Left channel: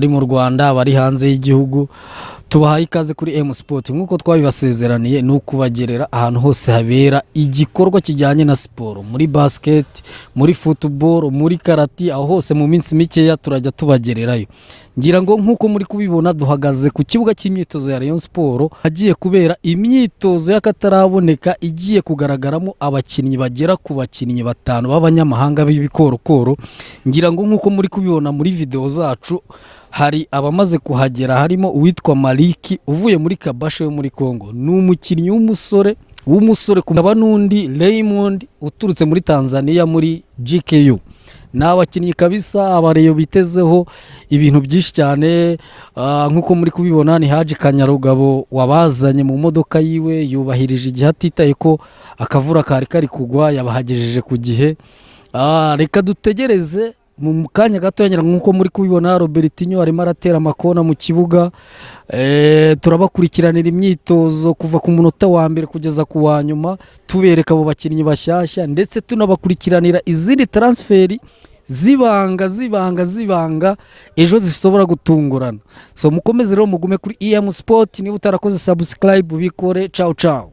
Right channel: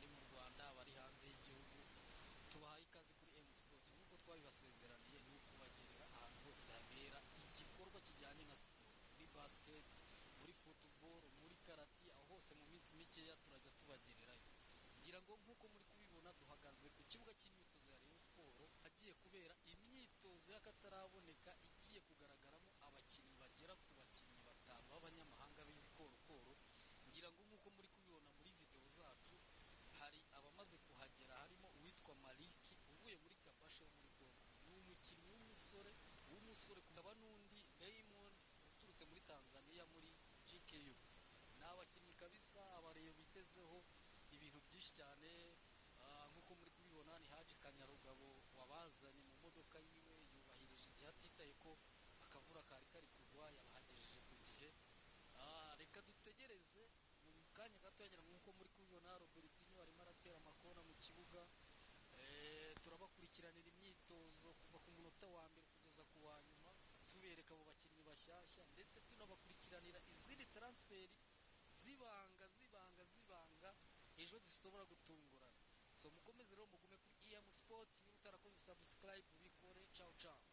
bari mu Rwanda bari hanze y'igihugu tubahaye ikaze kuri M Sport nkuko twabibasezeraniye ni ukubagerera ahantu hose habera igikorwa kijyanye na siporo muri basket muri football muri karate aho hose mu minsi mikeya turajya tubagererayo ngira ngo nkuko muri kubibona duhagaze ku kibuga cy'imyitozo ya Rayon Sport hagiye kubera imyitozo y'akataraboneka igiye kugaragaramo abakinnyi bagera ku bakinnyi batanu b'abanyamahanga b'ibikorokoro ngira ngo nkuko muri kubibona muri video zacu hari abamaze kuhagera harimo uwitwa Maliki uvuye muri Kabasha yo muri Kongo ni umukinnyi w'umusore kumaba nundi Raymond uturutse muri Tanzania muri GKU n'abakinnyi kabisa abareyo bitezeho ibintu byinshi cyane nkuko muri kubibona ni Haji Kanyarugabo wabazanye mu modoka yiwe yubahirije igihe atitaye ko akavura kari kugwa yabahagejeje ku gihe reka dutegereze mu kanya gato yanyira nkuko muri kubibona Robertinho arimo aratera amakona mu kibuga turabakurikiranira imyitozo kuva ku munota wa mbere kugeza ku wa nyuma tubereka abo bakinnyi bashyashya ndetse tunabakurikiranira izindi transferi zibanga ejo zishobora gutungurana so mukomeze rero mugume kuri EM Sport niba utarakoze subscribe bikore ciao